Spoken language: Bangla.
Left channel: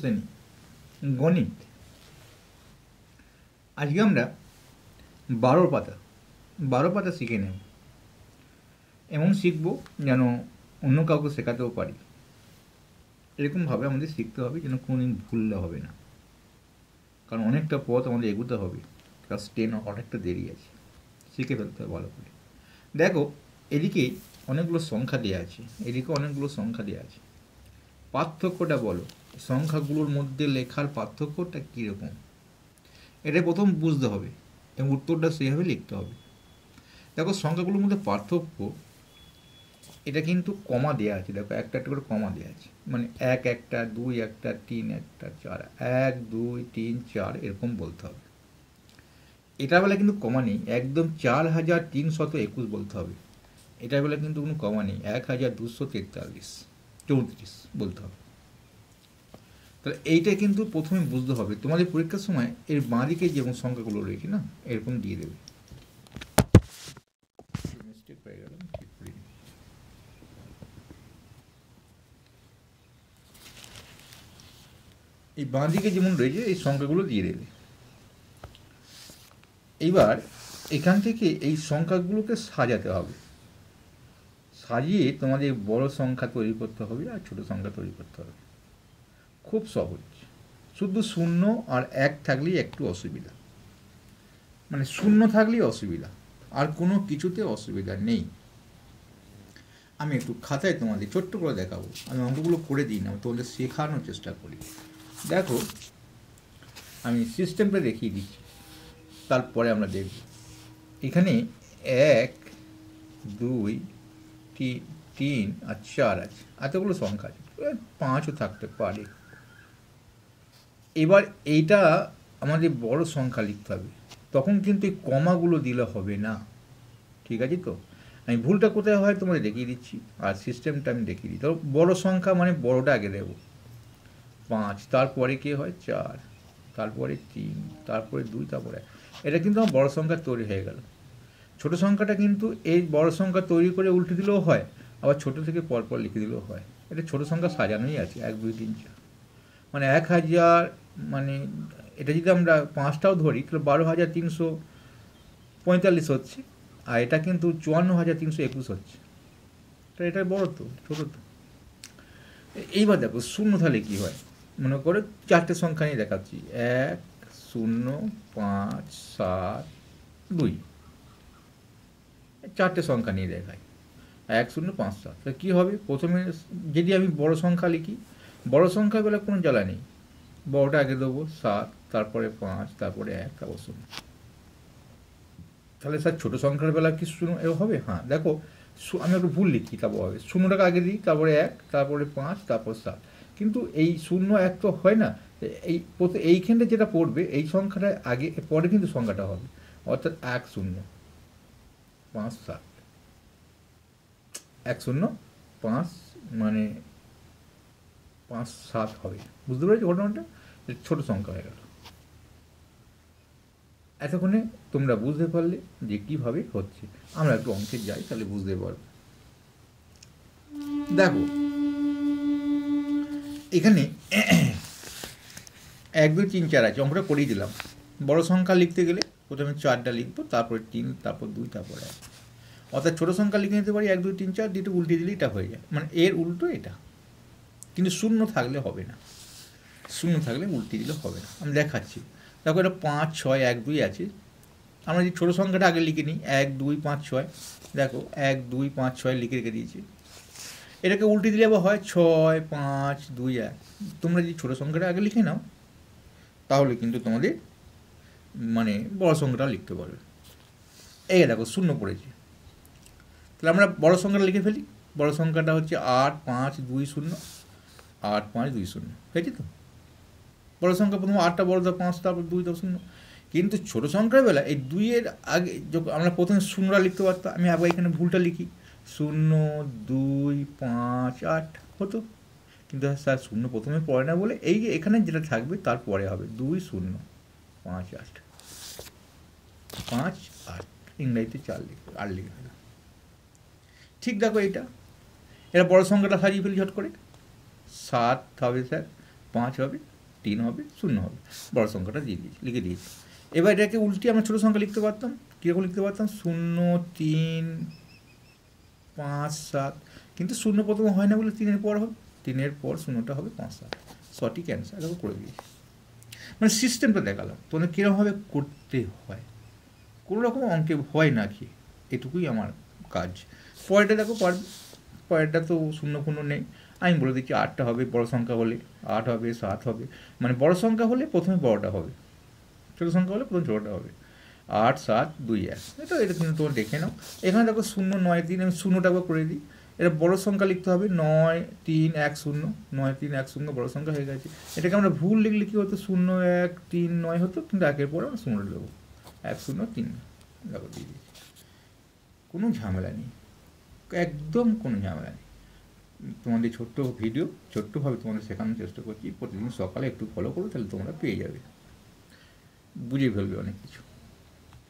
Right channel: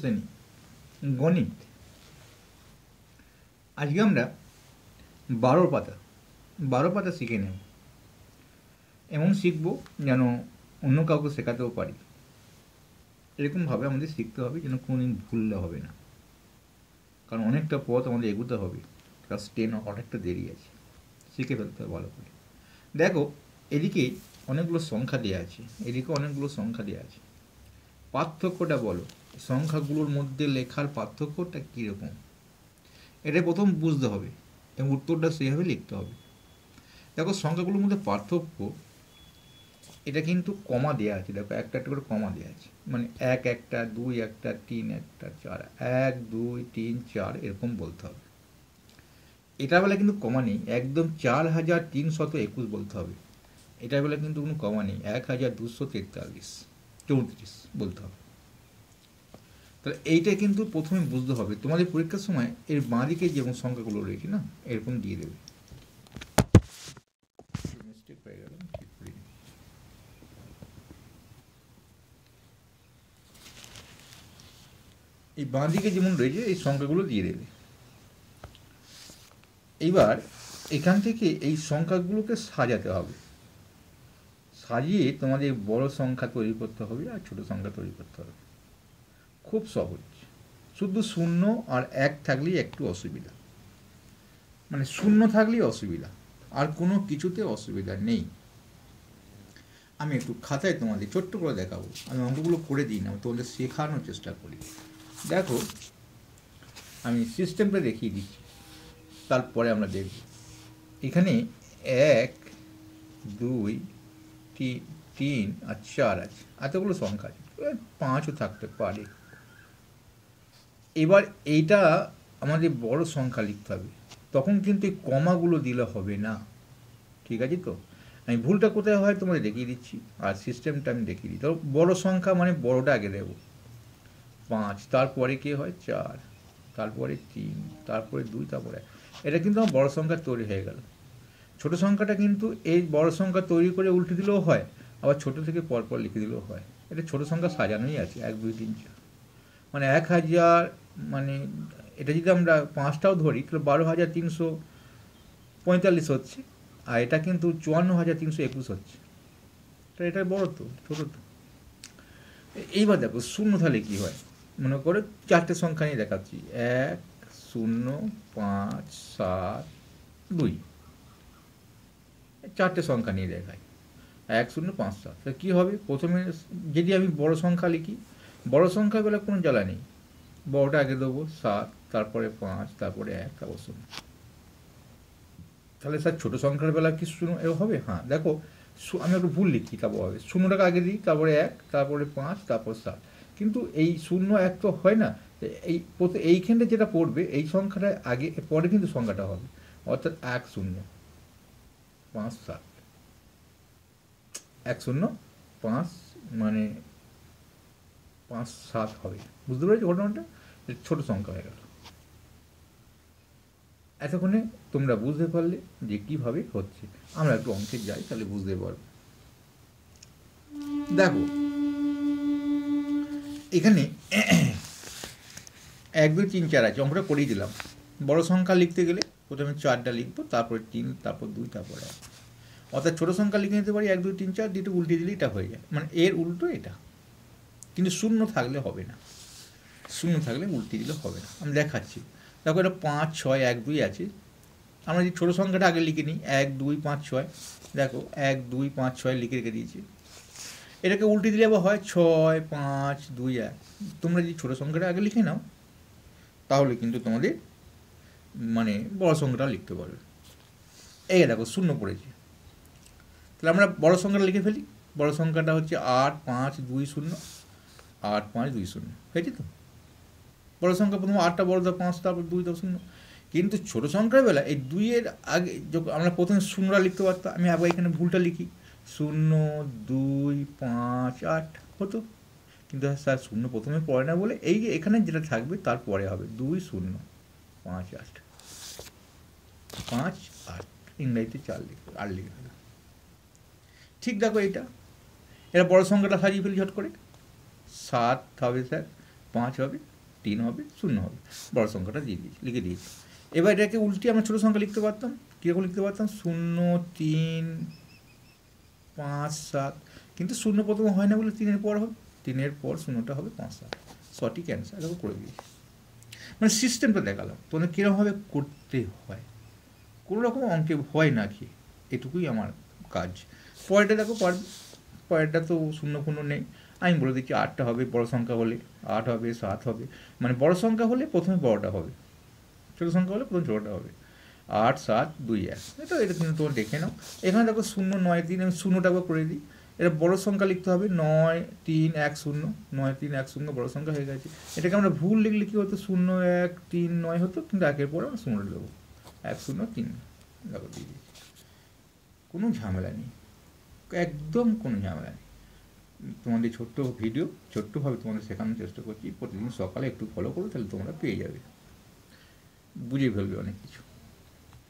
শ্রেণী গণিত। আজকে আমরা 12 পাতা শিখে নেব। এমন শিখব যেন অন্য কাউকে শেখাতেও পারি। এরকমভাবে আমাদের শিখতে হবে যেন কোনোদিন ভুললে হবে না, কারণ অনেকটা পথ আমাদের এগোতে হবে। ক্লাস 10 অনেকটা দেরি আছে, শিখে ফেলতে হবে ভালো করে। দেখো, এদিকে অনেকগুলো সংখ্যা দেওয়া আছে, এদিকে অনেকগুলো সংখ্যা দেওয়া আছে। পার্থক্যটা বলো, সংখ্যাগুলোর মধ্যে লেখার পার্থক্যটা কীরকম, এটা প্রথম বুঝতে হবে এবং উত্তরটা সেইভাবে লিখতে হবে। দেখো, সংখ্যাগুলোর মধ্যে পার্থক্য, এটা কিন্তু কমা দেওয়া আছে। দেখো, একটা একটা করে কমা দেওয়া আছে, মানে 1 একটা, 2 একটা, 3 একটা, 4, 1 2 3 4 এরকম বলতে হবে। এটা বেলা কিন্তু কমা নেই, একদম 4321 বলতে হবে। এটা বেলা কিন্তু কোনো কমা নেই, 1243 বলতে হবে। তাহলে এইটা কিন্তু প্রথমে বুঝতে হবে। তোমাদের পরীক্ষার সময় এর বাঁ দিকে যেমন সংখ্যাগুলো রয়েছে না, এরকম দিয়ে দেবে। এই বাঁ দিকে যেমন রয়েছে এই সংখ্যাগুলো দিয়ে দেবে। এইবার এখান থেকে এই সংখ্যাগুলোকে সাজাতে হবে। সাজিয়ে তোমাদের বড় সংখ্যা তৈরি করতে হবে আর ছোট সংখ্যা তৈরি করতে হবে। খুব সহজ। শুধু 0 আর 1 থাকলেই একটু অসুবিধা, মানে 0 থাকলেই অসুবিধা, আর কোনো কিছুতে অসুবিধা নেই। আমি একটু খাতায় তোমাদের ছোট্ট করে দেখাবো। আমি অঙ্কগুলো করে দিই না, তোমাদের শেখানোর চেষ্টা করি। দেখো, আমি সিস্টেমটা দেখিয়ে দিচ্ছি, তারপরে আমরা দেখব। এখানে 1 2 3 আর 4 আছে, এতগুলো সংখ্যা আছে, 5ও থাকতে পারে। এবার এইটা আমাদের বড় সংখ্যা লিখতে হবে, তখন কিন্তু এই কমাগুলো দিলে হবে না। ঠিক আছে তো? আমি ভুলটা কোথায় হয় তোমাদের দেখিয়ে দিচ্ছি, আর সিস্টেমটা আমি দেখিয়ে দিই। তো বড় সংখ্যা মানে বড়টা আগে দেবো, 5, তারপরে কি হয় 4, তারপরে 3, তারপরে 2, তারপরে 1। এটা কিন্তু আমার বড় সংখ্যা তৈরি হয়ে গেল। ছোট সংখ্যাটা কিন্তু এই বড় সংখ্যা তৈরি করে উল্টে দিলেও হয়, আবার ছোট থেকে পরপর লিখে দিলেও হয়। এটা ছোট সংখ্যা সাজানোই আছে, 1 2 3 4, মানে 1000, মানে এটা যদি আমরা 5টাও ধরি তাহলে 12,345 হচ্ছে, আর এটা কিন্তু 54,321 হচ্ছে। তো এটা বড় তো, ছোট তো। এইবার দেখো 0 তাহলে কি হয়, মনে করে 4টে সংখ্যা নিয়ে দেখাচ্ছি, 1 0 5 7 2, 4টে সংখ্যা নিয়ে দেখাই, 1 0 5 7। তাহলে কি হবে, প্রথমে যদি আমি বড় সংখ্যা লিখি, বড় সংখ্যা বেলা কোনো জ্বালা নেই, বড়টা আগে দেবো 7, তারপরে 5, তারপরে 1, তারপর 0। তাহলে স্যার ছোট সংখ্যার বেলা কি 0 হবে? হ্যাঁ, দেখো আমি একটু ভুল লিখি, তারপর হবে 0টাকে আগে দিই, তারপরে 1, তারপরে 5, তারপর 7। কিন্তু এই 0 1 তো হয় না, এইখানটা যেটা পড়বে এই সংখ্যাটা আগে, পরে কিন্তু সংখ্যাটা হবে, অর্থাৎ 1 0 5 7, 1 0 5, মানে 5 7 হবে। বুঝতে পেরেছি ঘটনাটা? ছোট সংখ্যা হয়ে গেল। এতক্ষণে তোমরা বুঝতে পারলে যে কিভাবে হচ্ছে। আমরা একটু অঙ্কে যাই, তাহলে বুঝতে পারবো। দেখো, এখানে 1 2 3 4 আছে, অঙ্কটা করেই দিলাম। বড় সংখ্যা লিখতে গেলে প্রথমে 4টা লিখবো, তারপরে 3, তারপর 2, তারপর 1। অর্থাৎ ছোট সংখ্যা লিখে নিতে পারি 1 2 3 4, দুটো উল্টে দিলে এটা হয়ে যায়, মানে এর উল্টো এটা। কিন্তু 0 থাকলে হবে না, 0 থাকলে উল্টে দিলে হবে না। আমি দেখাচ্ছি। দেখো, এটা 5 6 1 2 আছে। আমরা যে ছোট সংখ্যাটা আগে লিখে নিই, 1 2 5 6। দেখো 1 2 5 6 লিখে রেখে দিয়েছি। এটাকে উল্টে দিলে আবার হয় 6 5 2 1। তোমরা যদি ছোট সংখ্যাটা আগে লিখে নাও, তাহলে কিন্তু তোমাদের মানে বড় সংখ্যাটা লিখতে পারবে। এই দেখো 0 পড়েছে, তাহলে আমরা বড় সংখ্যাটা লিখে ফেলি। বড় সংখ্যাটা হচ্ছে 8 5 2 0, 8 5 2 0। হয়েছে তো? বড় সংখ্যা প্রথম 8টা বড়, 5, তারপর 2, তারপর 0। কিন্তু ছোট সংখ্যার বেলা এই 2-এর আগে যখন আমরা প্রথমে 0টা লিখতে পারতাম, আমি আবার এখানে ভুলটা লিখি, 0 2 5 8 হতো। কিন্তু স্যার 0 প্রথমে পড়ে না বলে এই যে এখানে যেটা থাকবে তারপরে হবে 2 0 5 8 5 8, ইংরেজিতে 4 লিখবে, 8 লিখবে। ঠিক দেখো, এটা বড় সংখ্যাটা সাজিয়ে ফেলি ঝট করে। 7 হবে স্যার, 5 হবে, 3 হবে, 0 হবে, বড় সংখ্যাটা লিখে দিয়েছি। এবার এটাকে উল্টে আমরা ছোট সংখ্যা লিখতে পারতাম, কীরকম লিখতে পারতাম, 0, 3, 5, 7, কিন্তু 0 প্রথমে হয় না বলে 3-এর পর হবে, 3-এর পর 0টা হবে 5, 7, সঠিক অ্যান্সার। এরকম করে দিয়েছি, মানে সিস্টেমটা দেখালাম তোমাদের কীরকমভাবে করতে হয়, কোনো রকম অঙ্কে হয় না কি, এটুকুই আমার কাজ। পরেরটা দেখো, পরেরটা তো 0 নেই, আমি বলে দিচ্ছি 8টা হবে, বড় সংখ্যা হলে 8 হবে, 7 হবে, মানে বড় সংখ্যা হলে প্রথমে বড়টা হবে, ছোট সংখ্যা হলে প্রথমে ছোটটা হবে। 8, 7, 2, 1, এটা কিন্তু তোমরা দেখে নাও। এখানে দেখো 0, 9, 3, আমি 0টা করে দিই। এটা বড় সংখ্যা লিখতে হবে, 9, 3, 1, 0, 9, 3, 1, 0 বড় সংখ্যা হয়ে গেছে। এটাকে আমরা ভুল লিখলে কি হতো, 0, 1, 3, 9 হতো, কিন্তু 1-এর পরে আমরা 0 দেবো, 1, 0, 3 দেখো দিয়ে দিচ্ছি। কোনো ঝামেলা নেই, একদম কোনো ঝামেলা নেই। তোমাদের ছোট্ট ভিডিও, ছোট্টভাবে তোমাদের শেখানোর চেষ্টা করছি, প্রতিদিন সকালে একটু ফলো করো, তাহলে তোমরা পেয়ে যাবে, বুঝে ফেলবে অনেক কিছু।